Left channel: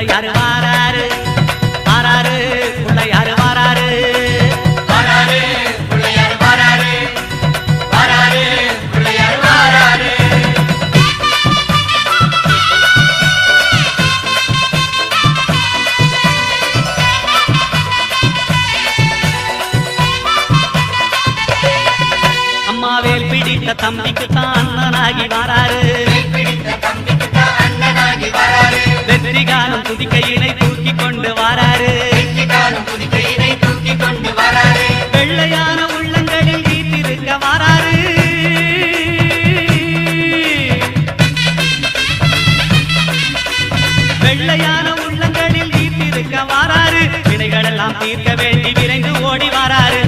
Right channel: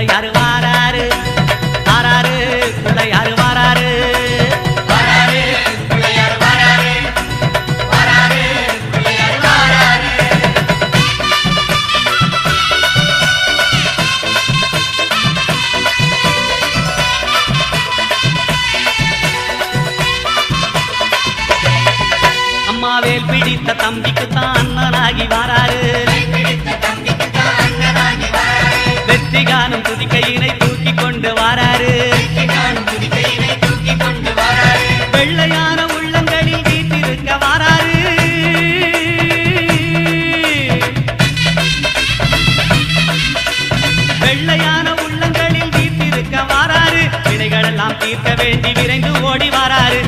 பிள்ளையாரு வாராரு வாராரு பிள்ளையாரு வாராரு அம்மாவேல் பிடித்த தம்பிக்கு தான் அண்ணனாகி வாராரு வெற்றி காணும் துதிக்கையினை தூக்கி கொண்டு வாராரு வெள்ளையான உள்ளங்களில் வீட்டிருக்க வாராரு வெள்ளையான உள்ளங்களில் வீட்டிருக்க வாராரு வினைகளெல்லாம் தீர்க்க வேண்டி விரைந்து ஓடி வாராரு